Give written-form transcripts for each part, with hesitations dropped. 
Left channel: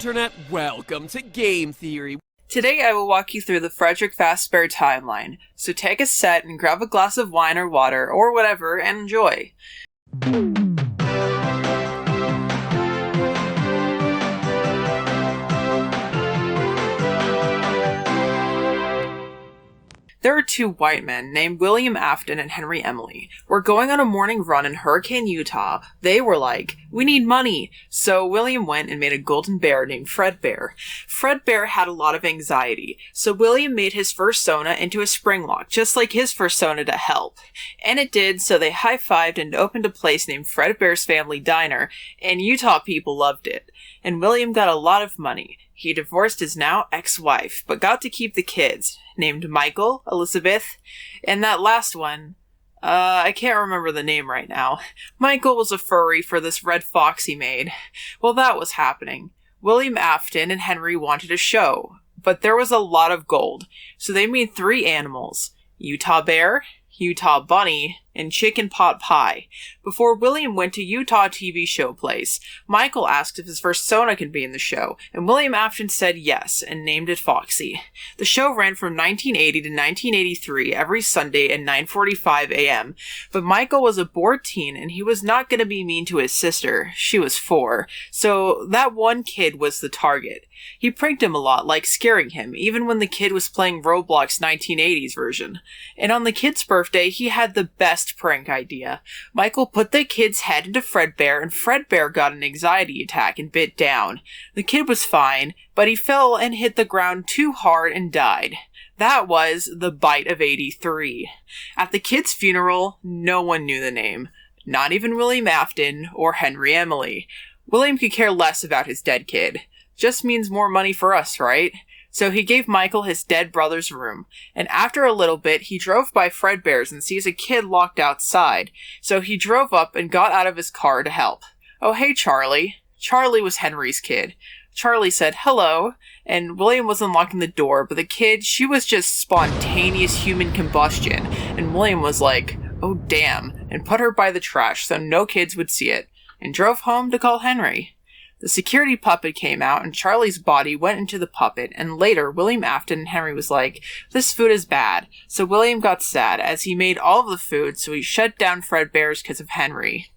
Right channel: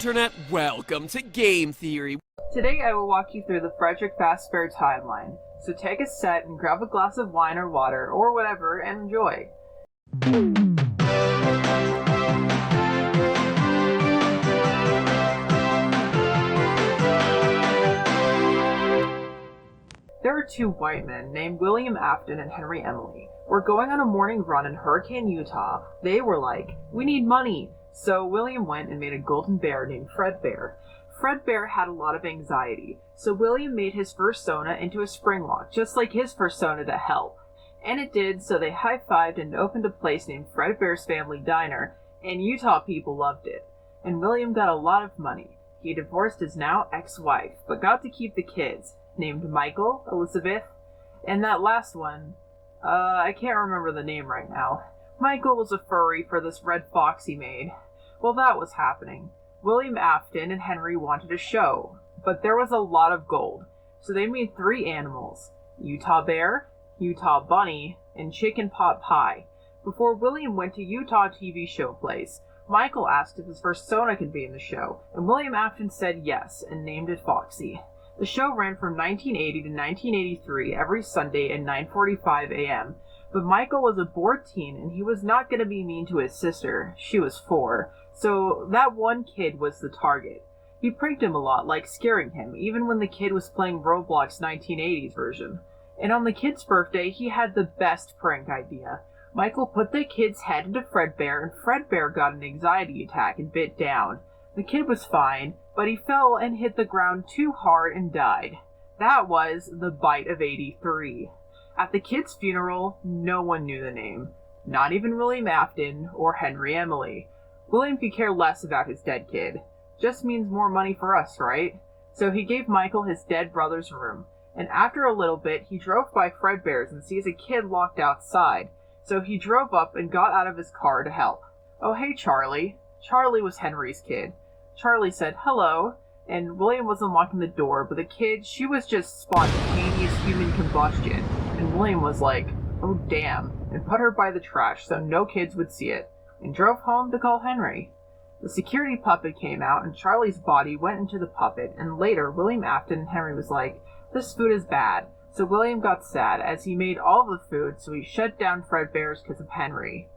Internet, welcome to Game Theory. Today I will walk you through the Frederick Fazbear timeline, so take a set and grab a glass of wine or water or whatever and enjoy. There are two white men named William Afton and Henry Emily. Were going on a morning run in Hurricane, Utah. They were like, "We need money." So William went and made a golden bear named Fredbear. Fredbear had a lot of anxiety, so William made his first Sona into a spring lock, just like his first Sona to help. And it did, so they high-fived and opened a place named Fredbear's Family Diner, and Utah people loved it. And William got a lot of money. He divorced his now ex-wife, but got to keep the kids, named Michael, Elizabeth, and that last one, I can't remember the name right now. Michael was a furry for this red fox he made. While that was happening, William Afton and Henry wanted a show, but there was a lot of gold, so they made 3 animals: Utah Bear, Utah Bunny, and Chicken Pot Pie. Before William went to Utah TV show place, Michael asked if his first Sona could be in the show, and William Afton said yes, and named it Foxy. The show ran from 1980 to 1983 every Sunday at 9:45 a.m., but Michael was a bored teen and he was not going to be mean to his sister. She was 4, so that one kid was the target. He pranked him a lot, like scaring him, even when the kid was playing Roblox 1980s version. And on the kid's birthday, he had the best prank idea. Michael put the kid's head into Fredbear, and Fredbear got an anxiety attack and bit down. The kid was fine, but he fell and hit the ground too hard and died. That was the bite of 83. At the kid's funeral, no one knew the name. Not even William Afton or Henry Emily. William could care less about his dead kid. Just means more money for us, right? So he gave Michael his dead brother's room, and after a little bit, he drove by Fredbear's and sees a kid locked outside, so he drove up and got out of his car to help. "Oh, hey, Charlie." Charlie was Henry's kid. Charlie said, "Hello," and William was unlocking the door, but the kid, she was just spontaneous human combustion, and William was like, "Oh, damn," and put her by the trash so no kids would see it, and drove home to call Henry. The security puppet came out, and Charlie's body went into the puppet, and later, William Afton and Henry was like, "This food is bad," so William got sad, as he made all of the food, so he shut down Fredbear's because of Henry.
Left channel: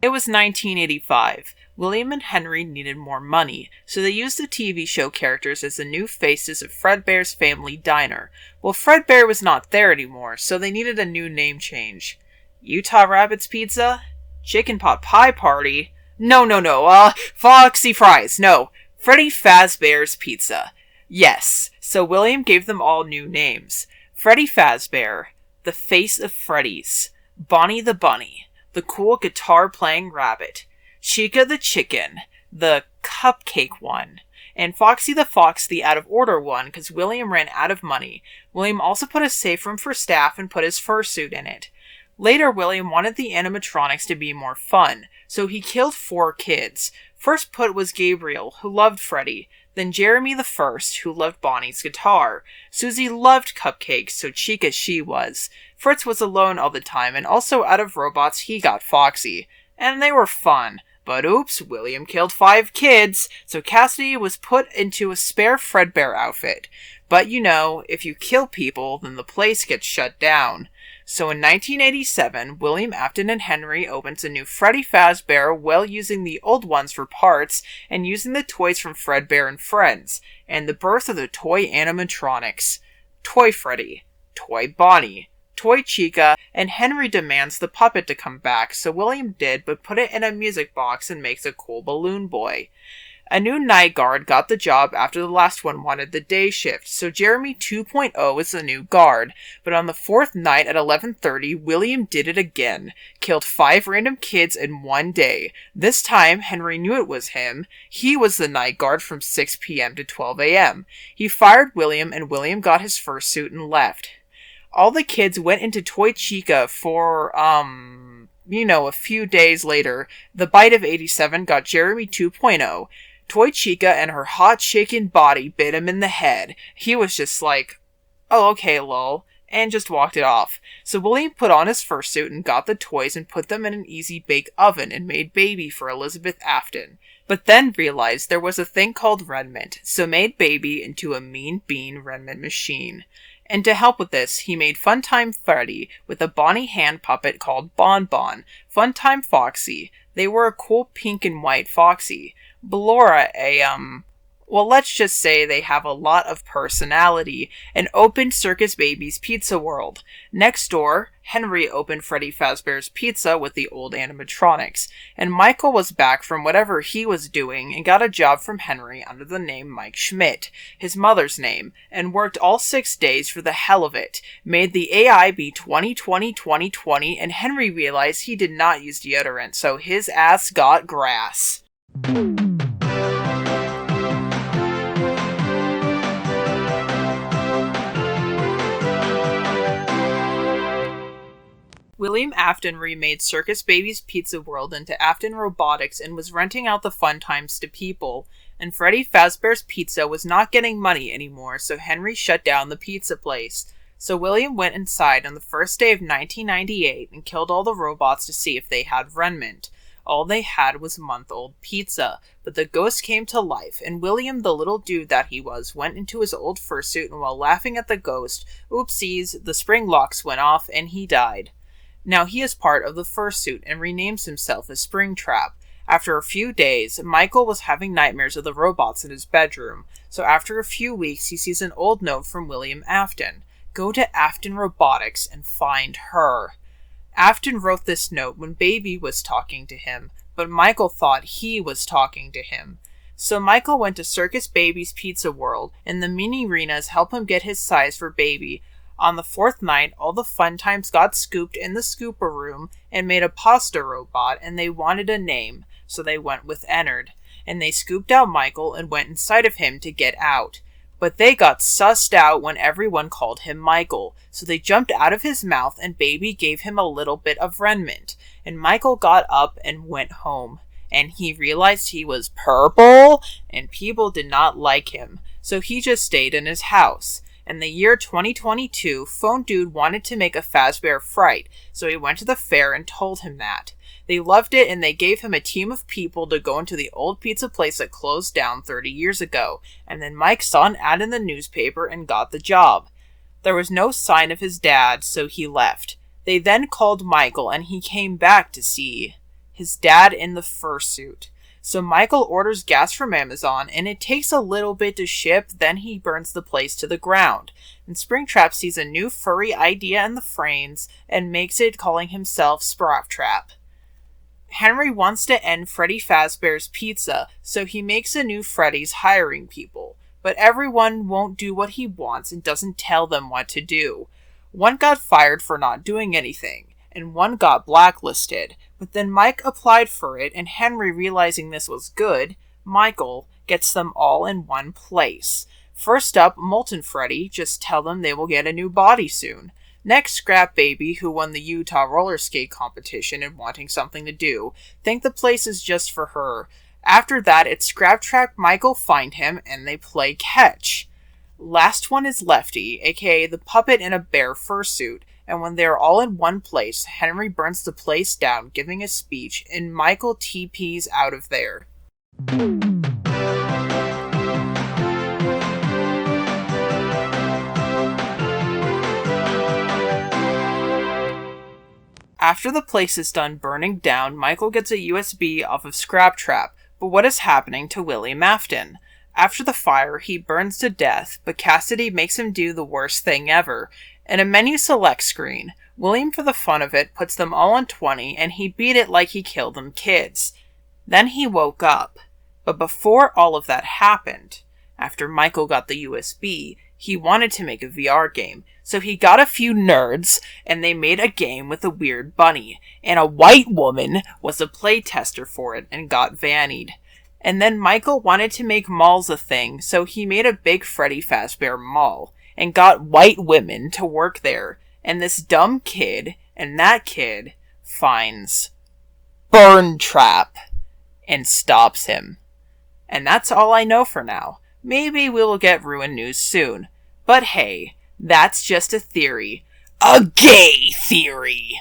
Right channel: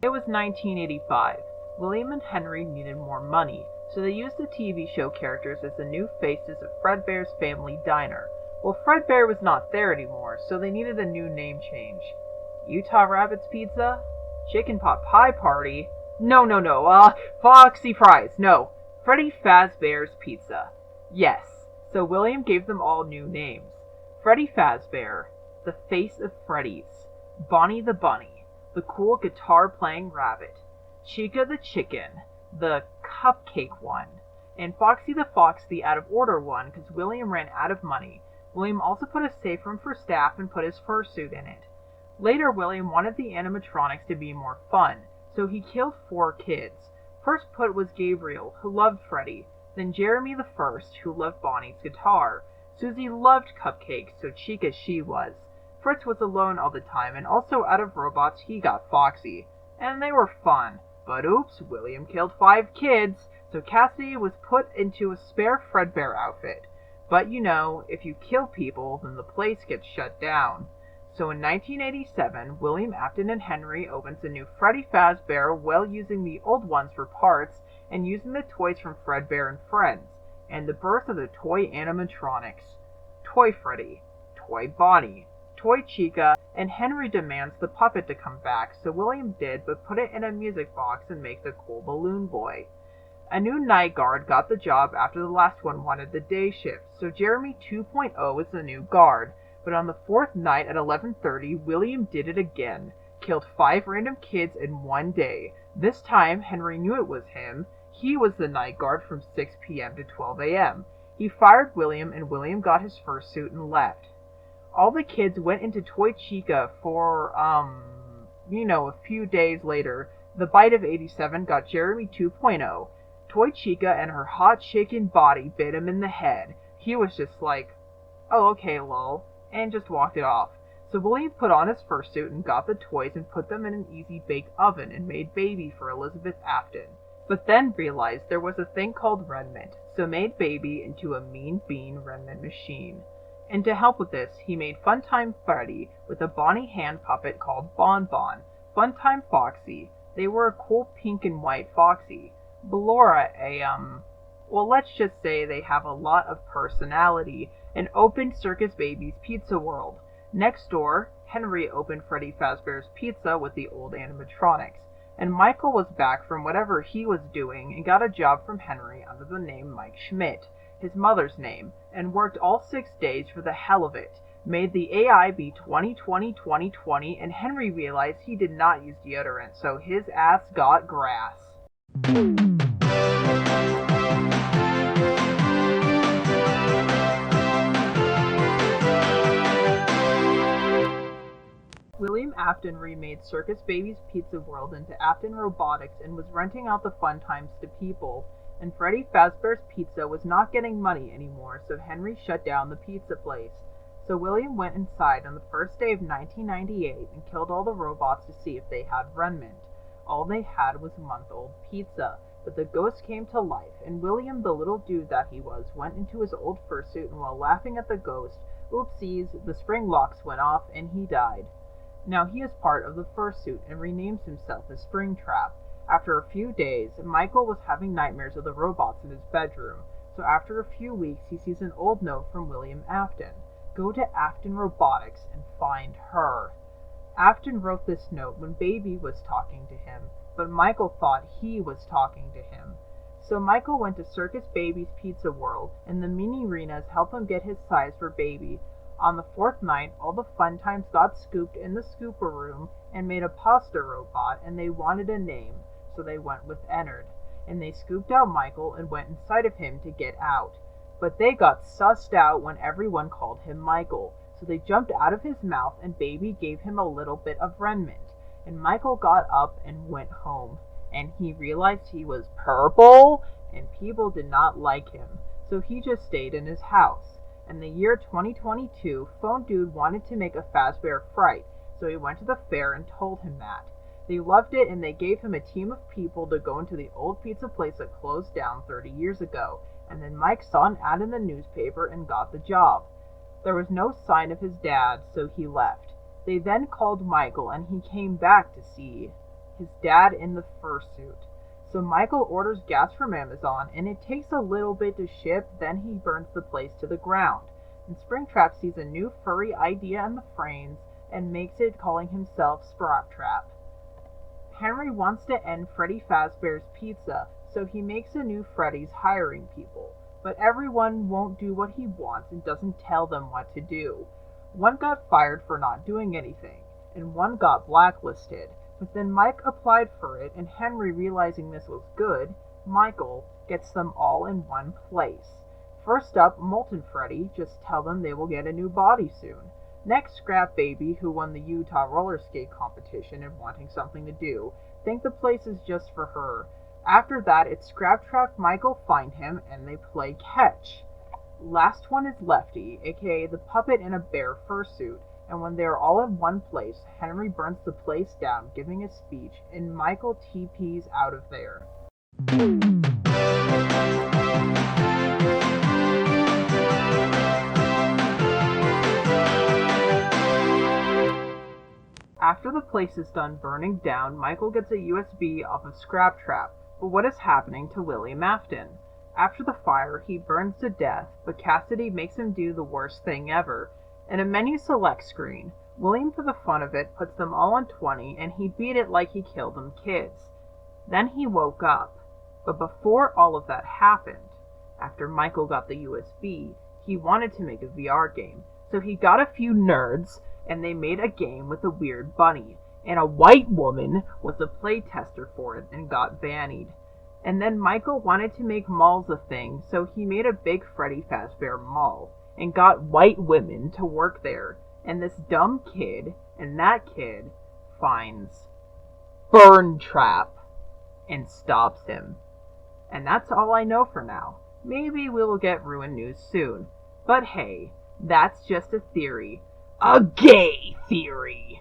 It was 1985. William and Henry needed more money, so they used the TV show characters as the new faces of Fredbear's Family Diner. Well, Fredbear was not there anymore, so they needed a new name change. Utah Rabbit's Pizza? Chicken Pot Pie Party? No, Foxy Fries, no. Freddy Fazbear's Pizza. Yes, so William gave them all new names. Freddy Fazbear, the face of Freddy's. Bonnie the Bunny, the cool guitar-playing rabbit. Chica the chicken, the cupcake one, and Foxy the Fox, the out-of-order one, because William ran out of money. William also put a safe room for staff and put his fursuit in it. Later, William wanted the animatronics to be more fun, so he killed 4 kids. First put was Gabriel, who loved Freddy, then Jeremy the First, who loved Bonnie's guitar. Susie loved cupcakes, so Chica she was. Fritz was alone all the time, and also out of robots he got Foxy. And they were fun. But oops, William killed 5 kids, so Cassidy was put into a spare Fredbear outfit. But you know, if you kill people, then the place gets shut down. So in 1987, William Afton and Henry opened a new Freddy Fazbear while using the old ones for parts and using the toys from Fredbear and Friends, and the birth of the toy animatronics. Toy Freddy, Toy Bonnie, Toy Chica, and Henry demands the puppet to come back, so William did, but put it in a music box and makes a cool balloon boy. A new night guard got the job after the last one wanted the day shift, so Jeremy 2.0 is the new guard, but on the 4th night at 11:30, William did it again, killed 5 random kids in one day. This time, Henry knew it was him. He was the night guard from 6 p.m. to 12 a.m. He fired William, and William got his fursuit and left. All the kids went into Toy Chica for, a few days later. The bite of 87 got Jeremy 2.0. Toy Chica and her hot shaken body bit him in the head. He was just like, "Oh, okay, lol." and just walked it off. So William put on his fursuit and got the toys and put them in an easy bake oven and made baby for Elizabeth Afton. But then realized there was a thing called Renmint, so made baby into a mean bean Renmint machine. And to help with this, he made Funtime Freddy with a Bonnie hand puppet called Bon Bon, Funtime Foxy, they were a cool pink and white Foxy, Ballora well, let's just say they have a lot of personality, and opened Circus Baby's Pizza World. Next door, Henry opened Freddy Fazbear's Pizza with the old animatronics, and Michael was back from whatever he was doing and got a job from Henry under the name Mike Schmidt, his mother's name, and worked all 6 days for the hell of it, made the AI be 2020, and Henry realized he did not use deodorant, so his ass got grass. William Afton remade Circus Baby's Pizza World into Afton Robotics and was renting out the fun times to people, and Freddy Fazbear's Pizza was not getting money anymore, so Henry shut down the pizza place. So William went inside on the first day of 1998 and killed all the robots to see if they had Renmint. All they had was month-old pizza, but the ghost came to life, and William, the little dude that he was, went into his old fursuit, and while laughing at the ghost, oopsies, the spring locks went off and he died. Now he is part of the fursuit and renames himself as Springtrap. After a few days, Michael was having nightmares of the robots in his bedroom, so after a few weeks he sees an old note from William Afton. Go to Afton Robotics and find her. Afton wrote this note when Baby was talking to him, but Michael thought he was talking to him. So Michael went to Circus Baby's Pizza World, and the mini arenas helped him get his size for Baby. On the 4th night, all the fun times got scooped in the scooper room and made a pasta robot, and they wanted a name, so they went with Ennard. And they scooped out Michael and went inside of him to get out. But they got sussed out when everyone called him Michael, so they jumped out of his mouth and Baby gave him a little bit of Renmint. And Michael got up and went home. And he realized he was purple, and people did not like him, so he just stayed in his house. In the year 2022, Phone Dude wanted to make a Fazbear Fright, so he went to the fair and told him that. They loved it and they gave him a team of people to go into the old pizza place that closed down 30 years ago, and then Mike saw an ad in the newspaper and got the job. There was no sign of his dad, so he left. They then called Michael and he came back to see his dad in the fursuit. So Michael orders gas from Amazon, and it takes a little bit to ship, then he burns the place to the ground. And Springtrap sees a new furry idea in the frames, and makes it calling himself Springtrap. Henry wants to end Freddy Fazbear's Pizza, so he makes a new Freddy's hiring people. But everyone won't do what he wants and doesn't tell them what to do. One got fired for not doing anything, and one got blacklisted. But then Mike applied for it, and Henry, realizing this was good, Michael gets them all in one place. First up, Molten Freddy, just tell them they will get a new body soon. Next, Scrap Baby, who won the Utah roller skate competition and wanting something to do, think the place is just for her. After that, it's Scrap Trap, Michael find him, and they play catch. Last one is Lefty, aka the puppet in a bear fursuit. And when they're all in one place, Henry burns the place down, giving a speech, and Michael TPs out of there. After the place is done burning down, Michael gets a USB off of Scrap Trap, but what is happening to William Afton? After the fire, he burns to death, but Cassidy makes him do the worst thing ever. In a menu select screen, William, for the fun of it, puts them all on 20, and he beat it like he killed them kids. Then he woke up. But before all of that happened, after Michael got the USB, he wanted to make a VR game. So he got a few nerds, and they made a game with a weird bunny, and a white woman was a playtester for it and got vannied. And then Michael wanted to make malls a thing, so he made a big Freddy Fazbear mall, and got white women to work there, and this dumb kid and that kid finds Burn Trap and stops him. And that's all I know for now. Maybe we will get Ruin news soon. But hey, That's just a theory. A gay theory!